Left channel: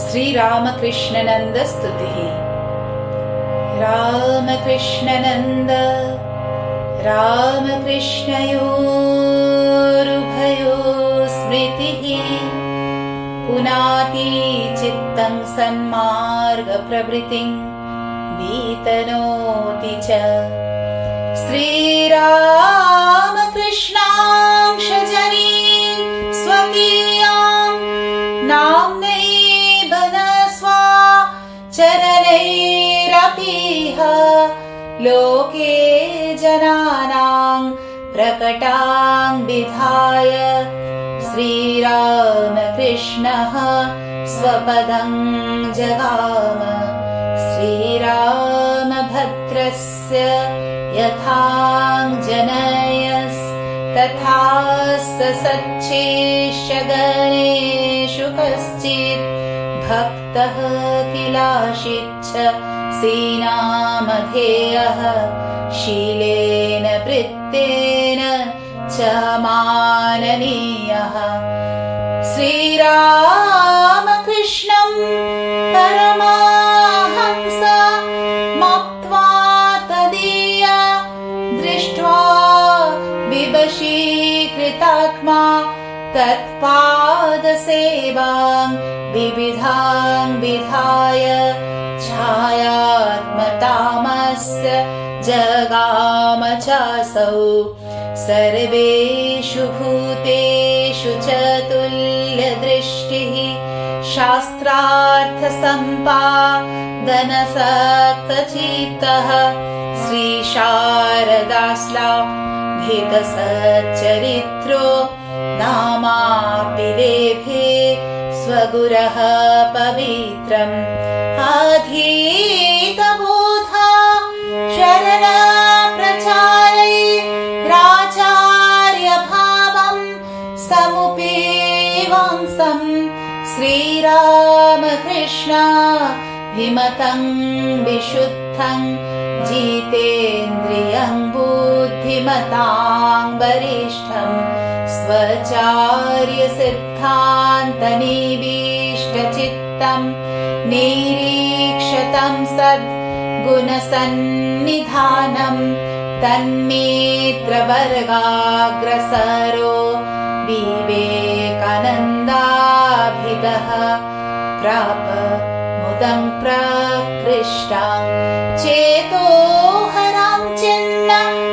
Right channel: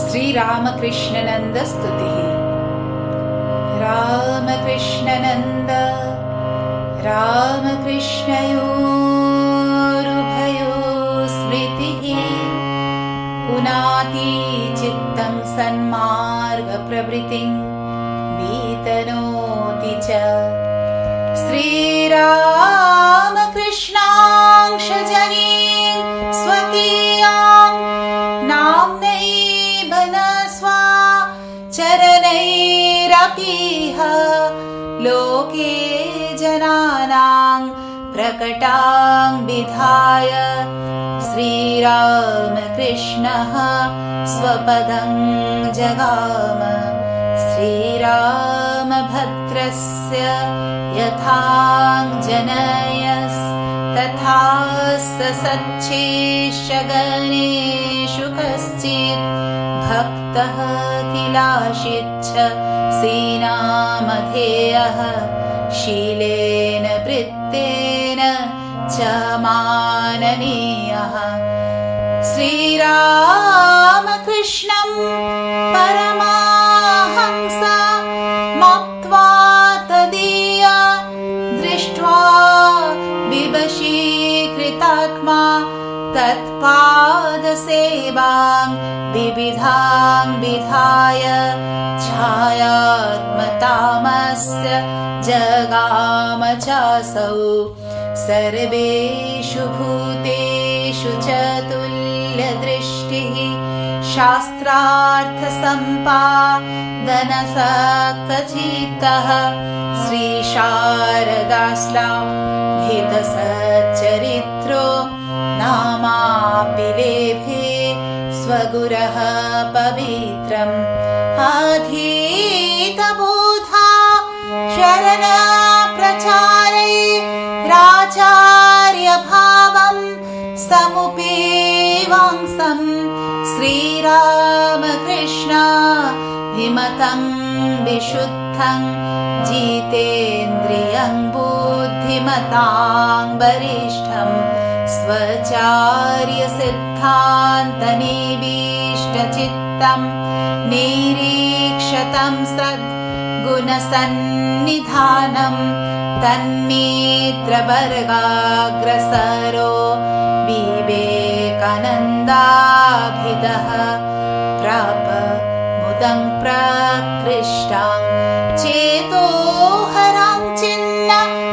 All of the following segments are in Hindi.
श्रीरामकृष्णनन्द स्तुतिः। रामकृष्णनन्द रामकृष्णयोरुभयो स्मृतिः पुनाति चित्तं सन्मार्गप्रवृत्तिं वितनोति च। श्रीरामकृष्णांशजनीं स्वकीयां नाम्नैव न स्वाचरणैरपीह लोके जनानां प्रकटां विधाय श्रीरामकृष्णः स्वपदं जगाम। श्रीरामभद्रस्य यथाञ्जनयस्तथा सच्चेष्यगणेषु कश्चित् भक्तः किलाशिच्छ सीनामधेयः शीलेन वृत्तेन च माननीयः। श्रीरामकृष्णं परमाहंस मत्वा तदीया दृष्ट्वा विवशीकृतात्मा तत्पादसेवां विविधां विधाय छायात्मतामस्य जगाम चासौ। सर्वेषु भूतेषु च तुल्यदृष्टिः शास्त्रार्थसम्पादनसक्तचित्तः श्रीशारदाश्लाघितसच्चरित्रो नामापि लेभे स्वगुरः पवित्रम्। अधीतबोधा शरणप्रचारै राचार्यभावं समुपेवांसं श्रीरामकृष्णाभिमतं विशुद्धं जितेन्द्रियं बुद्धिमतां वरिष्ठं स्वचार्यसिद्धान्तनिविष्टचित्तं निरीक्षतं सद्गुणसन्निधानं तन्नेत्रवर्गाग्रसरो विवेकानन्दाभिदः प्राप मुदं प्रकृष्टां चेतोहरां चिन्न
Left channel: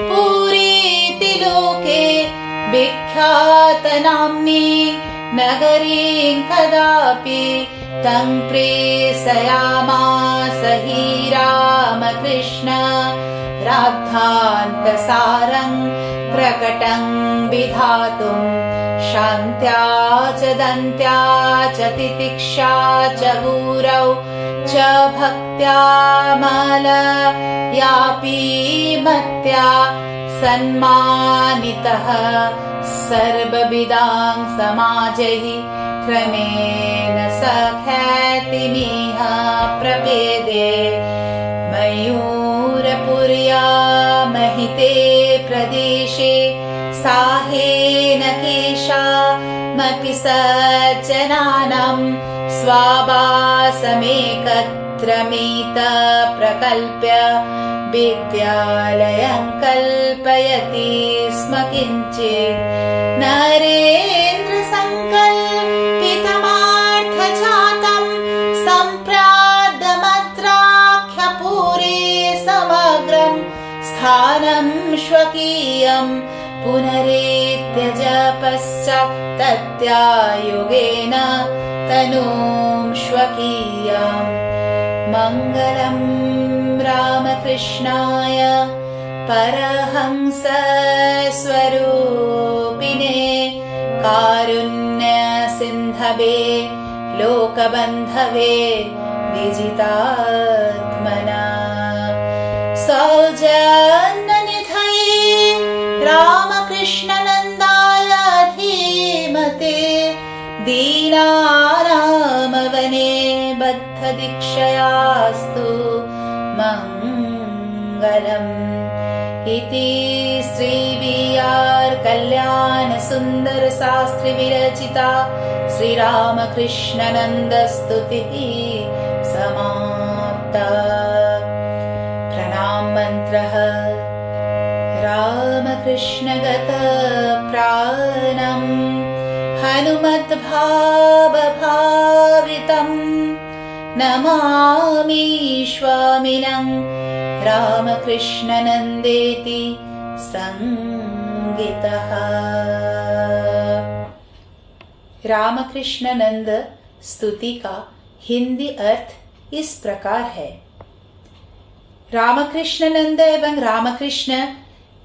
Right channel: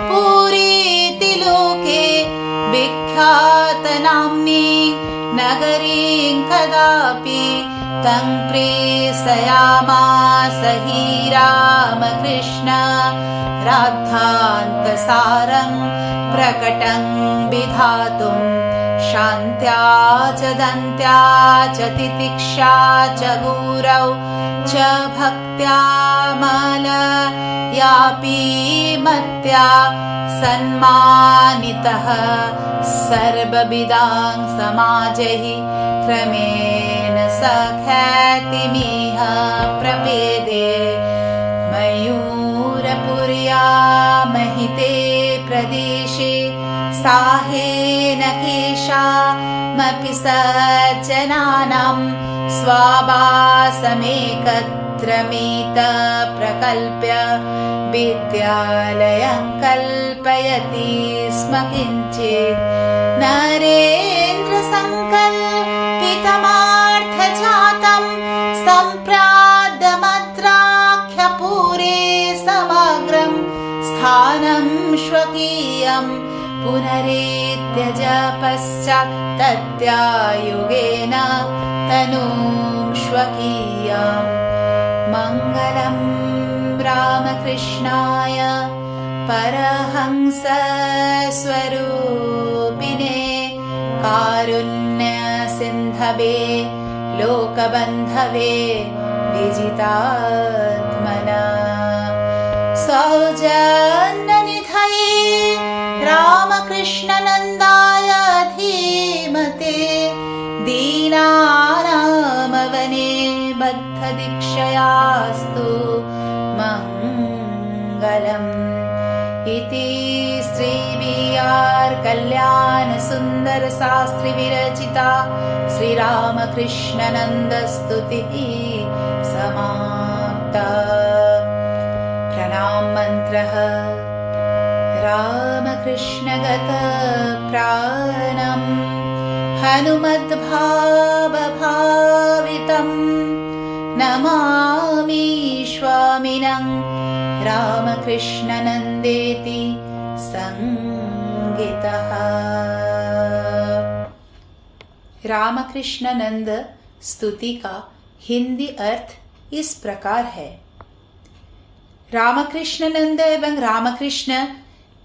पुरीति लोके विख्यातनाम्नी नगरीं कदापि तं प्रेषयामास हि रामकृष्ण राद्धान्तसारं प्रकटं विधातुं। शान्त्या च दन्त्या च तितिक्षा च गुरौ च भक्त्या मलयापि मत्या सन्मानितः सर्वविदां समाजैः क्रमेण सख्यातिमिह प्रपेदे। मयूरपुर्या महिते प्रदेशे साहेन केशामपि सज्जनानां स्वावासमेकत्रमित प्रकल्प्य विद्यालयं कल्पयति स्म किञ्चित्। नरेन्द्रसङ्कल्पितमार्थजातं सम्प्राप्तमत्राख्यपुरे समग्रं स्थानं स्वकीयं पुनरेत्यज पश्चात् तत्यायुगेन तनूं स्वकीयाम्। मङ्गलं रामकृष्णाय परहंसस्वरूपिणे कारुण्यसिन्धवे लोकबन्धवे विजितात्मना। सौजन्यनिधये रामकृष्णनन्दाय धीमते दीनानामवने बद्धदीक्षयास्तु मङ्गलम्। इति श्री वी.आर्. कल्याण सुन्दर शास्त्री विरचिता श्रीरामकृष्ण रामकृष्णानन्द स्तुतिः समाप्ता। प्रणाम मन्त्रः रामकृष्णगत प्राणम् हनुमद्भावभावितम् नमामि स्वामिनं रामकृष्णानन्देति संगितः। रामकृष्णानंद स्तुति का हिंदी अर्थ इस प्रकार है। रामकृष्णानंद एवं रामकृष्ण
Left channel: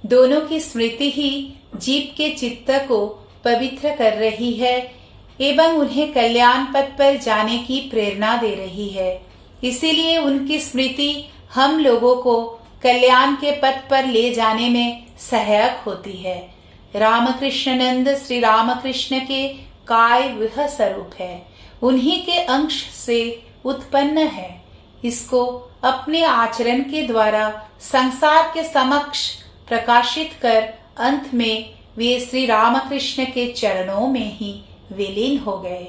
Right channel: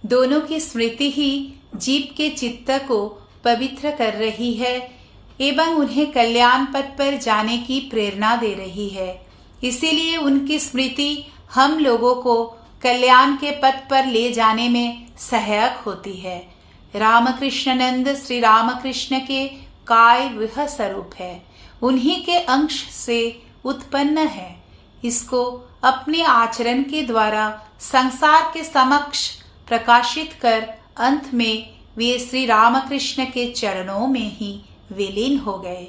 दोनों की स्मृति ही जीव के चित्त को पवित्र कर रही है एवं उन्हें कल्याण पथ पर जाने की प्रेरणा दे रही है। इसीलिए उनकी स्मृति हम लोगों को कल्याण के पथ पर ले जाने में सहायक होती है। रामकृष्णानंद श्री रामकृष्ण के काय वह स्वरूप है, उन्हीं के अंश से उत्पन्न है। इसको अपने आचरण के द्वारा संसार के समक्ष प्रकाशित कर अंत में वे श्री रामकृष्ण के चरणों में ही विलीन हो गए।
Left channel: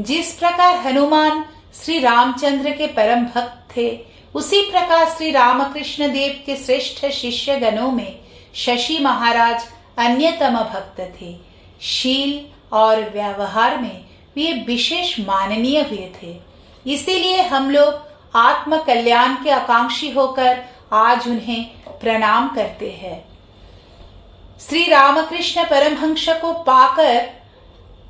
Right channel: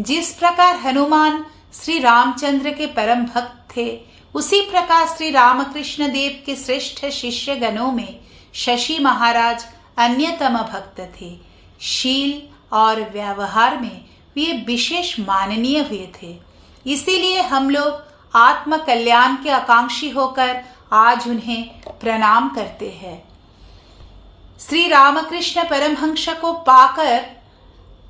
जिस प्रकार हनुमान श्री रामचंद्र के परम भक्त थे, उसी प्रकार श्री रामकृष्ण देव के श्रेष्ठ शिष्य गणों में शशि महाराज अन्यतम भक्त थे। शील और व्यवहार में वे विशेष माननीय हुए थे। इसीलिए हम लोग आत्म कल्याण के आकांक्षी होकर आज उन्हें प्रणाम करते हैं। श्री रामकृष्ण परमहंस को पाकर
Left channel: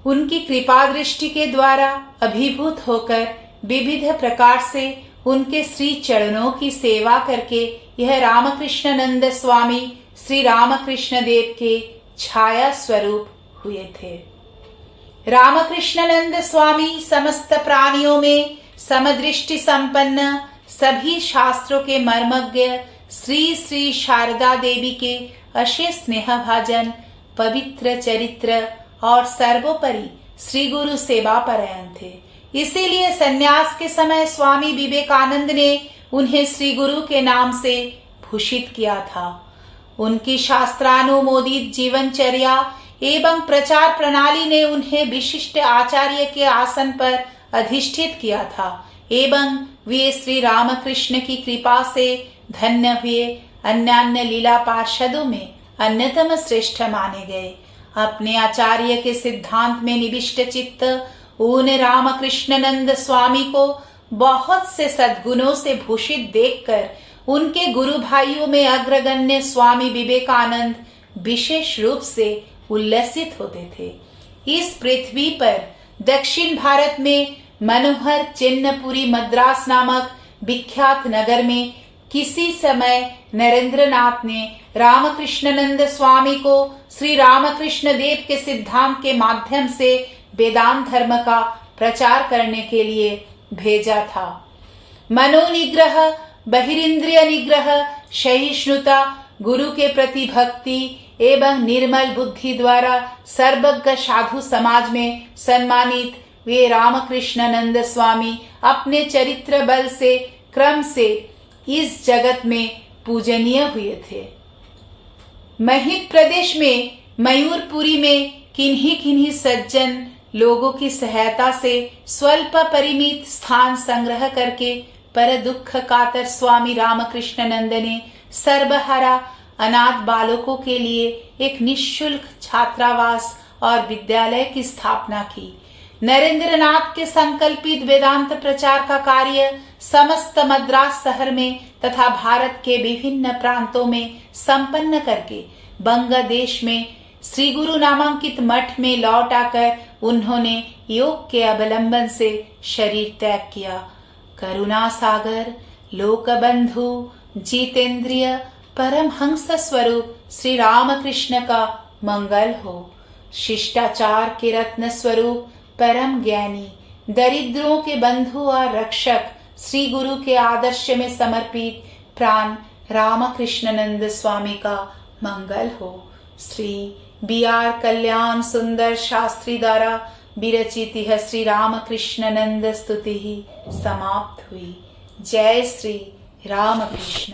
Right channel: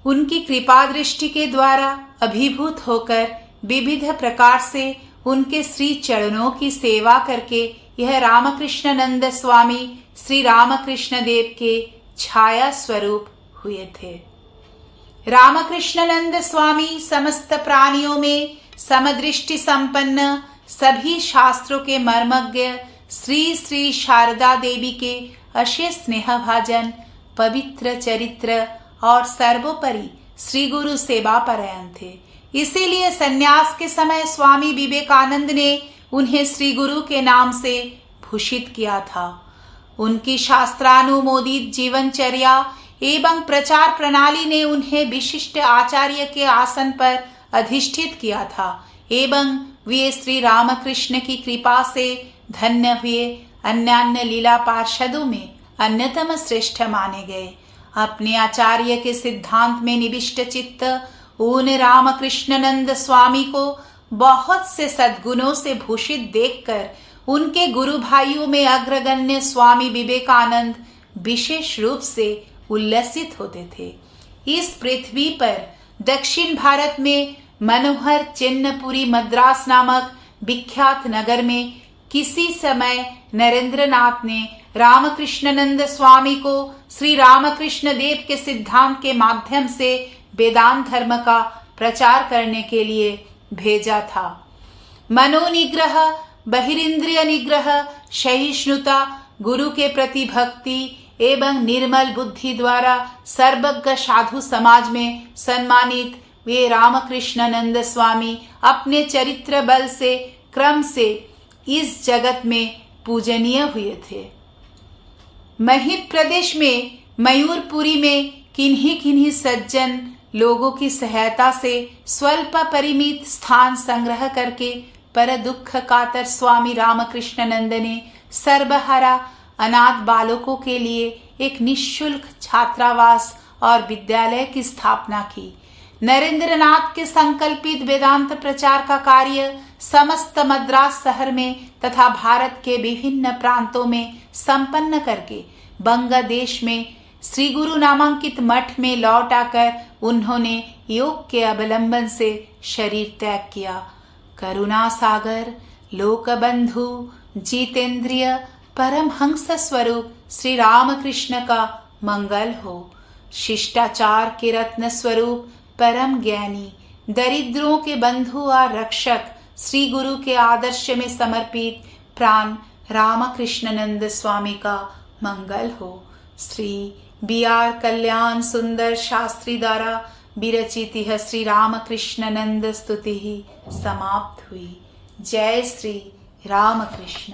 उनकी कृपा दृष्टि के द्वारा अभिभूत होकर विविध प्रकार से उनके श्री चरणों की सेवा करके यह रामकृष्णानंद स्वामी श्री रामकृष्ण देव के छाया स्वरूप हुए थे। रामकृष्णानंद स्वामी समस्त प्राणियों में समदृष्टि संपन्न, सभी शास्त्रों के मर्मज्ञ, श्री श्री शारदा देवी के अशेष स्नेहभाजन, पवित्र चरित्र और सर्वोपरि श्री गुरु सेवा परायण थे। इसीलिए सन्यास के समय स्वामी विवेकानंद ने उन्हें श्री गुरु के नाम से भूषित किया था। उनकी शास्त्रानुमोदित जीवनचर्या एवं प्रचार प्रणाली ने उन्हें विशिष्ट आचार्य के आसन पर अधिष्ठित किया था एवं वे श्री रामकृष्ण की कृपा से धन्य हुए अन्यान्य लीला पार्षदों में अन्यतम श्रेष्ठ माने गए। अपने आचार्य के सिद्धांत में निविष्ट चित्त उन रामकृष्णानंद स्वामी को बहुत से सद्गुणों से भूषित देखकर उनके गुरु भाइयों में अग्रगण्य स्वामी विवेकानंद विशेष रूप से उल्लसित होते थे। इस पृथ्वी पर दक्षिण भारत में मनोहर चिन्नपुरी मद्रास नामक विख्यात नगर में किसी समय नरेंद्रनाथ ने रामकृष्णानंद स्वामी को श्री रामकृष्ण देव के सिद्धांत के माध्यम से वेदांत धर्म का प्रचार करने के लिए भेजा था। मनोनिग्रह, बहिरिंद्रिय निग्रह, सहिष्णुता, गुरु के प्रति भक्ति एवं निर्मल बुद्धि द्वारा सर्वज्ञ साधु समाज में सम्मानित वे रामकृष्णानंद स्वामी अपने चरित्र बल से क्रम से इस जगत में पूजनीय हुए थे। महित प्रदेश में मयूरपुरी में किन्हीं किन्हीं सज्जन लोगों की सहायता से स्वल्प परिमित स्थान संग्रह करके पर दुख कातर स्वामी रामकृष्णानंद ने सर्वहारा अनाथ बालकों के लिए एक निःशुल्क छात्रावास और विद्यालय की स्थापना की। नरेंद्रनाथ के संकल्पित वेदांत प्रचार का कार्य समस्त मद्रास शहर में तथा भारत के विभिन्न प्रांतों में संपन्न करके बंगलादेश में श्री गुरु नामांकित मठ में लौट आकर उन्होंने योग के अवलंबन से शरीर त्याग किया। करुणा सागर, लोक बंधु, जितेंद्रिय, परमहंस स्वरूप श्री रामकृष्ण का मंगल हो। शिष्टाचार के रत्न स्वरूप परम ज्ञानी, दरिद्रों के बंधु और रक्षक श्री गुरु के आदर्श में समर्पित प्राण रामकृष्णानंद स्वामी का मंगल हो। श्री बी.आर. कल्याण सुंदर शास्त्री द्वारा विरचित यह श्री रामकृष्णानंद स्तुति समाप्त हुई। जय श्री रामकृष्ण।